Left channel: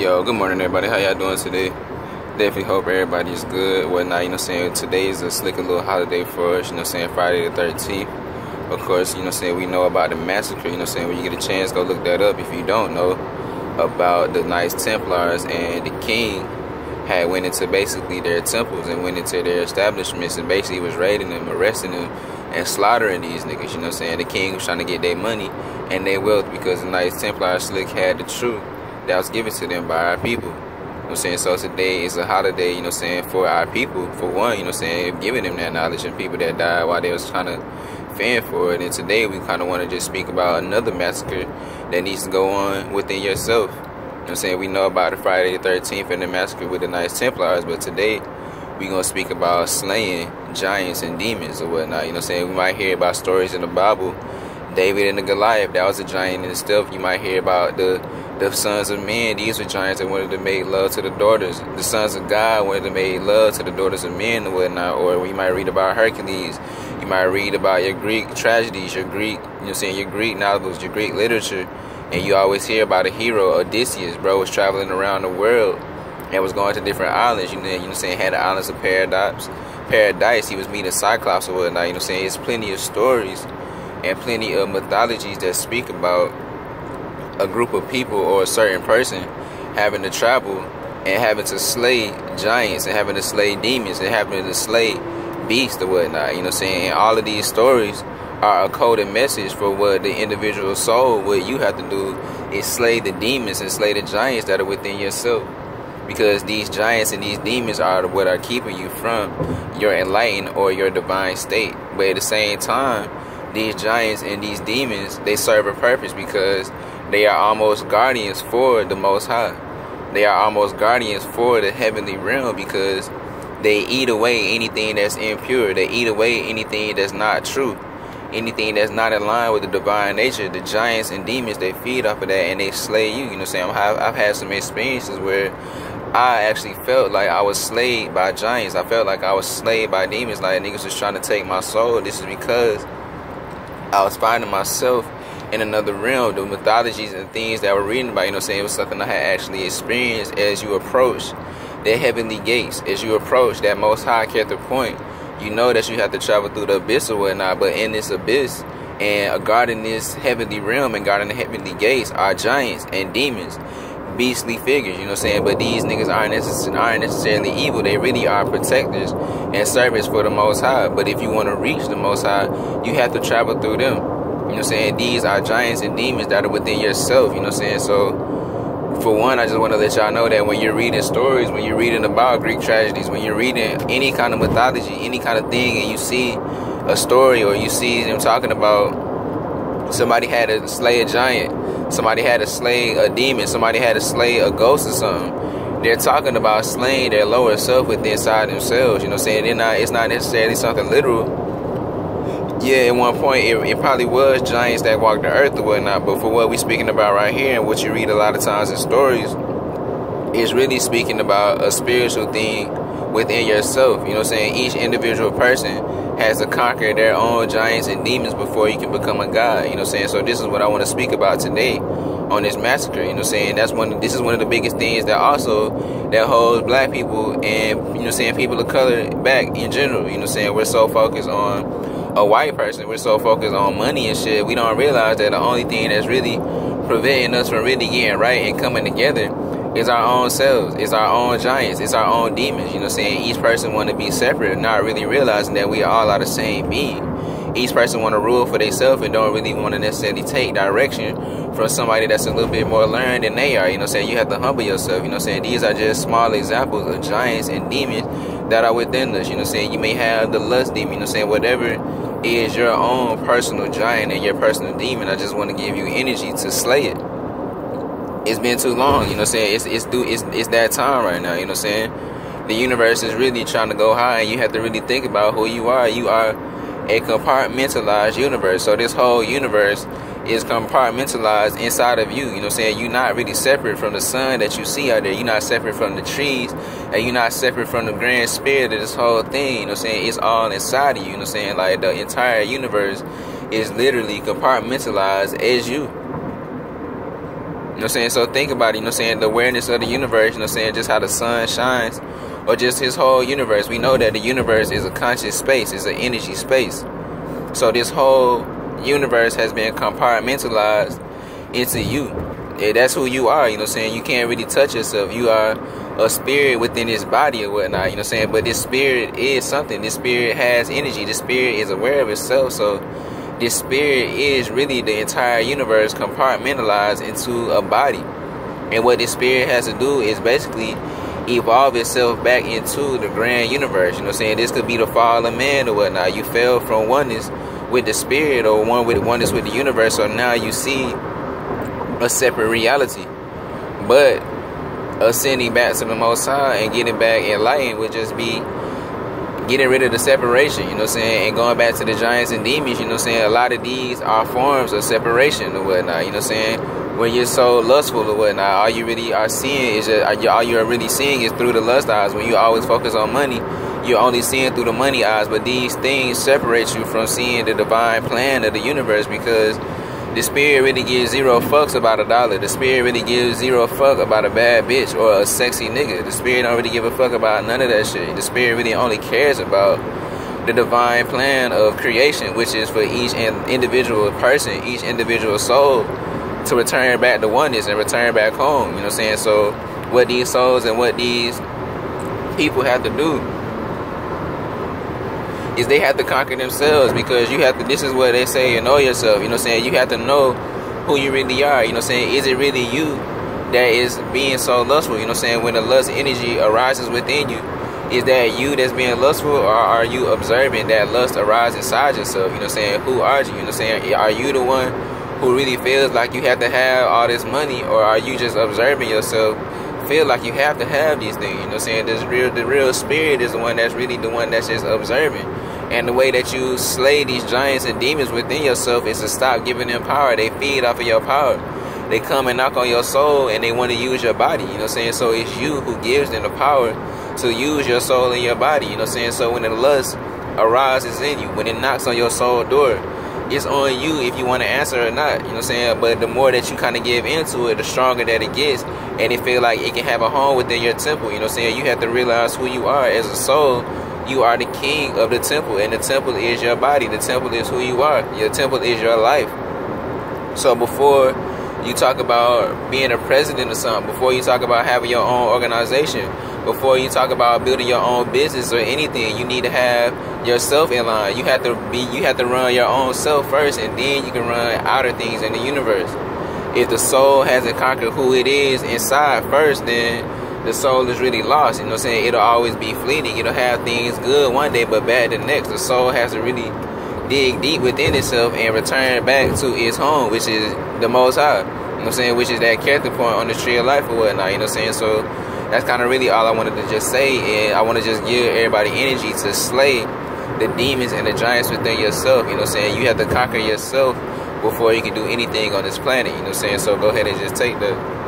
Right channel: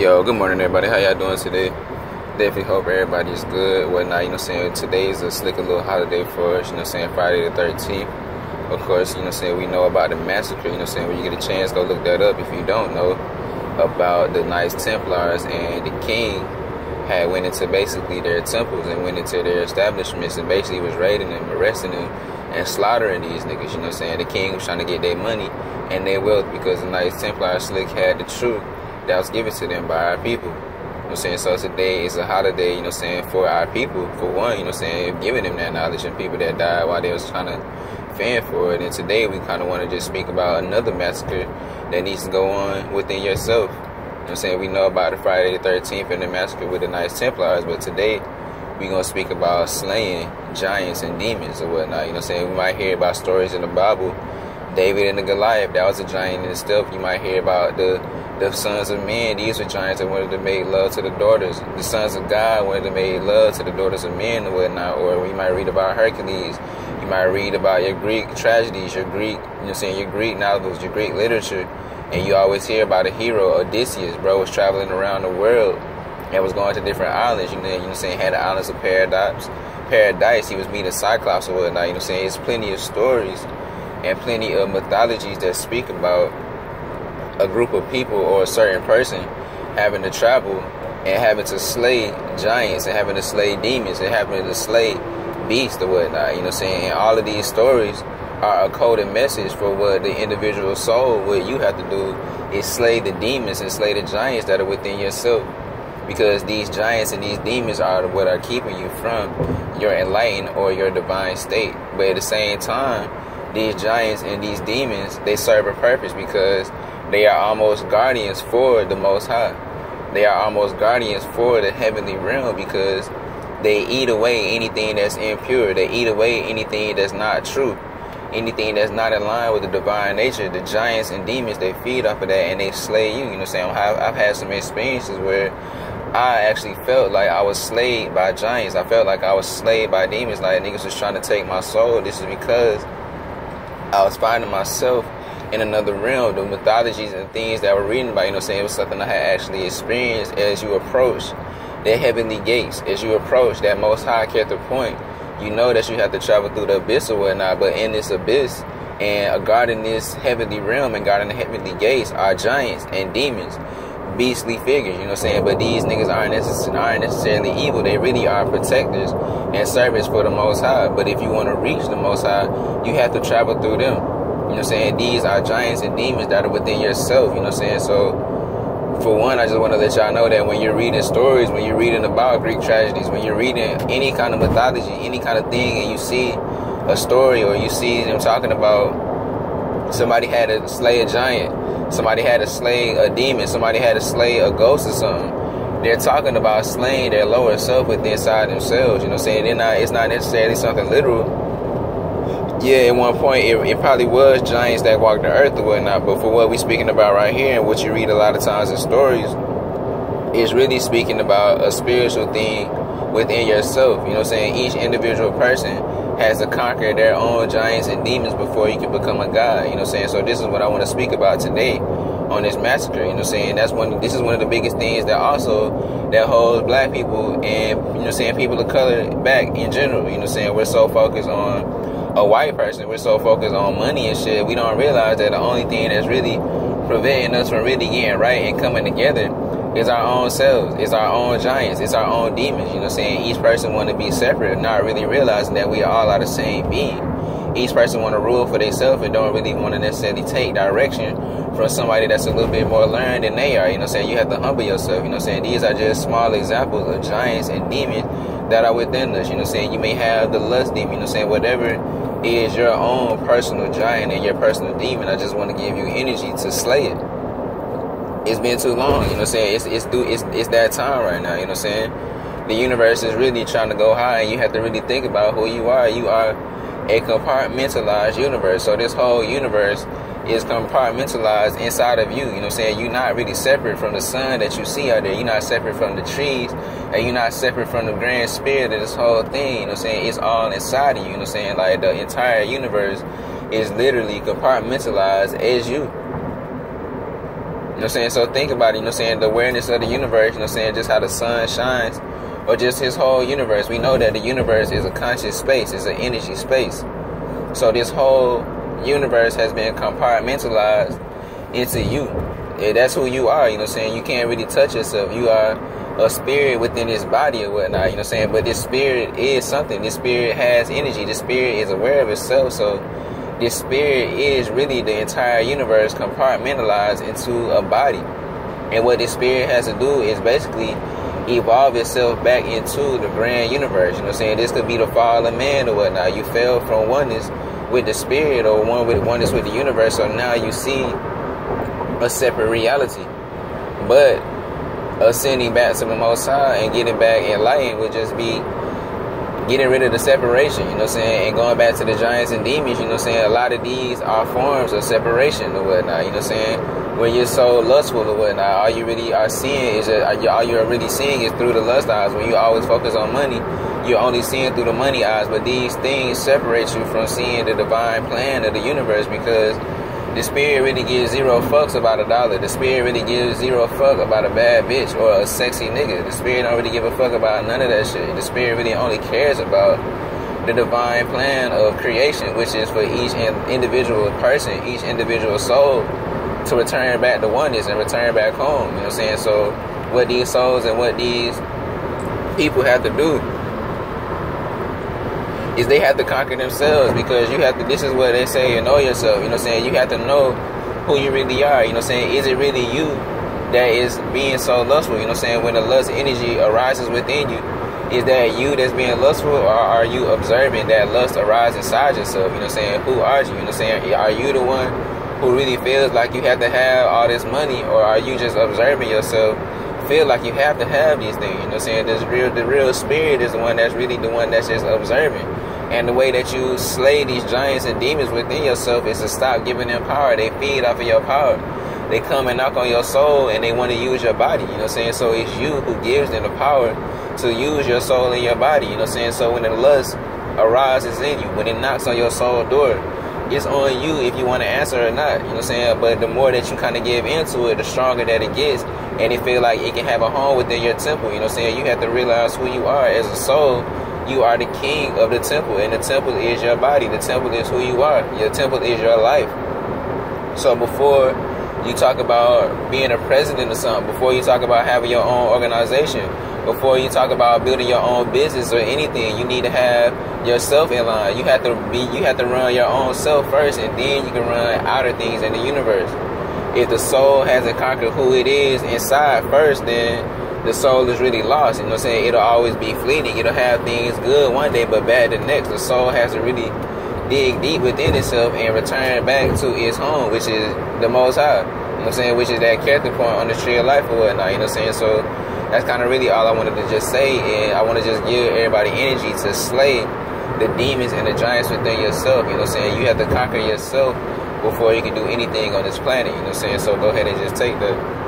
Yo, good morning everybody. How y'all doing today? Definitely hope everybody's good, whatnot, Today is a slick little holiday for us, Friday the 13th. Of course, we know about the massacre, when you get a chance, go look that up if you don't know about the Knights Templars, and the king had went into basically their temples and went into their establishments and basically was raiding them, arresting them, and slaughtering these niggas, The king was trying to get their money and their wealth because the Knights Templar slick had the truth that was given to them by our people. So today is a holiday, for our people, for one, giving them that knowledge, and people that died while they was trying to fend for it. And today we kind of want to just speak about another massacre that needs to go on within yourself. We know about the Friday the 13th and the massacre with the Knights Templars, but today we're going to speak about slaying giants and demons or whatnot. We might hear about stories in the Bible. David and the Goliath, that was a giant in itself. You might hear about the sons of men. These were giants that wanted to make love to the daughters. The sons of God wanted to make love to the daughters of men and whatnot. Or you might read about Hercules. You might read about your Greek tragedies, your Greek, your Greek novels, your Greek literature. And you always hear about a hero, Odysseus, bro, was traveling around the world and was going to different islands. Had the islands of Paradise. He was meeting Cyclops or whatnot. It's plenty of stories and plenty of mythologies that speak about a group of people or a certain person having to travel and having to slay giants and having to slay demons and having to slay beasts or whatnot, And all of these stories are a coded message for what the individual soul, what you have to do is slay the demons and slay the giants that are within yourself. Because these giants and these demons are what are keeping you from your enlightened or your divine state. But at the same time, these giants and these demons, they serve a purpose because they are almost guardians for the Most High. They are almost guardians for the heavenly realm because they eat away anything that's impure. They eat away anything that's not true, anything that's not in line with the divine nature. The giants and demons, they feed off of that and they slay you. I've had some experiences where I actually felt like I was slayed by giants. I felt like I was slayed by demons, like niggas was trying to take my soul. This is because I was finding myself in another realm. The mythologies and things that I was reading about, it was something I had actually experienced as you approach the heavenly gates, as you approach that Most High character point. You know that you have to travel through the abyss or whatnot, but in this abyss and guarding this heavenly realm and guarding the heavenly gates are giants and demons, beastly figures, But these niggas aren't necessarily evil. They really are protectors and servants for the Most High. But if you want to reach the Most High, you have to travel through them. These are giants and demons that are within yourself, So, for one, I just want to let y'all know that when you're reading stories, when you're reading about Greek tragedies, when you're reading any kind of mythology, any kind of thing, and you see a story or you see them talking about somebody had to slay a giant, somebody had to slay a demon, somebody had to slay a ghost or something, they're talking about slaying their lower self within inside themselves, It's not necessarily something literal. Yeah, at one point, it probably was giants that walked the earth or whatnot, but for what we're speaking about right here and what you read a lot of times in stories, is really speaking about a spiritual thing within yourself. Each individual person has to conquer their own giants and demons before you can become a god. So this is what I want to speak about today on this massacre. This is one of the biggest things that holds black people and people of color back in general. We're so focused on a white person, we're so focused on money and shit, we don't realize that the only thing that's really preventing us from really getting right and coming together is our own selves, it's our own giants, it's our own demons. Each person want to be separate, not really realizing that we all are the same being. Each person want to rule for themselves and don't really want to necessarily take direction from somebody that's a little bit more learned than they are. You have to humble yourself. These are just small examples of giants and demons that are within us. You may have the lust demon, whatever is your own personal giant and your personal demon. I just want to give you energy to slay it. It's been too long, it's that time right now, The universe is really trying to go high, and you have to really think about who you are. You are a compartmentalized universe. So this whole universe is compartmentalized inside of you. You're not really separate from the sun that you see out there. You're not separate from the trees, and you're not separate from the grand spirit of this whole thing. It's all inside of you. Like the entire universe is literally compartmentalized as you. know what I'm saying? So think about it, you know what I'm saying? The awareness of the universe, you know what I'm saying? Just how the sun shines, or just his whole universe. We know that the universe is a conscious space, it's an energy space. So this whole universe has been compartmentalized into you. Yeah, that's who you are, you know what I'm saying? You can't really touch yourself. You are a spirit within this body or whatnot, you know what I'm saying? But this spirit is something. This spirit has energy. This spirit is aware of itself. So this spirit is really the entire universe compartmentalized into a body. And what this spirit has to do is basically evolve itself back into the grand universe. You know what I'm saying? This could be the fall of man or whatnot. You fell from oneness with the spirit or oneness with the universe. So now you see a separate reality. But ascending back to the Most High and getting back enlightened would just be getting rid of the separation, you know what I'm saying, and going back to the giants and demons, you know what I'm saying. A lot of these are forms of separation or whatnot, you know what I'm saying. When you're so lustful or whatnot, all you really are seeing is all you're really seeing is through the lust eyes. When you always focus on money, you're only seeing through the money eyes. But these things separate you from seeing the divine plan of the universe, because the spirit really gives zero fucks about $1. The spirit really gives zero fuck about a bad bitch or a sexy nigga. The spirit don't really give a fuck about none of that shit. The spirit really only cares about the divine plan of creation, which is for each individual person, each individual soul, to return back to oneness and return back home. You know what I'm saying? So what these souls and what these people have to do is they have to conquer themselves, because you have to, this is what they say, you know yourself, you know what I'm saying. You have to know who you really are, you know what I'm saying. Is it really you that is being so lustful, you know what I'm saying? When the lust energy arises within you, is that you that's being lustful, or are you observing that lust arise inside yourself? You know what I'm saying? Who are you? You know what I'm saying? Are you the one who really feels like you have to have all this money, or are you just observing yourself feel like you have to have these things? You know what I'm saying? The real spirit is the one that's really the one that's just observing. And the way that you slay these giants and demons within yourself is to stop giving them power. They feed off of your power. They come and knock on your soul, and they want to use your body. You know what I'm saying? So it's you who gives them the power to use your soul in your body. You know what I'm saying? So when the lust arises in you, when it knocks on your soul door, it's on you if you want to answer or not. You know what I'm saying? But the more that you kind of give into it, the stronger that it gets. And it feel like it can have a home within your temple. You know what I'm saying? You have to realize who you are as a soul. You are the king of the temple, and the temple is your body. The temple is who you are. Your temple is your life. So before you talk about being a president or something, before you talk about having your own organization, before you talk about building your own business or anything, you need to have yourself in line. You have to run your own self first, and then you can run outer things in the universe. If the soul hasn't conquered who it is inside first, then the soul is really lost. You know what I'm saying? It'll always be fleeting. It'll have things good one day but bad the next. The soul has to really dig deep within itself and return back to its home, which is the Most High. You know what I'm saying? Which is that character point on the tree of life or whatnot. You know what I'm saying? So that's kind of really all I wanted to just say. And I want to just give everybody energy to slay the demons and the giants within yourself. You know what I'm saying? You have to conquer yourself before you can do anything on this planet. You know what I'm saying? So go ahead and just take that.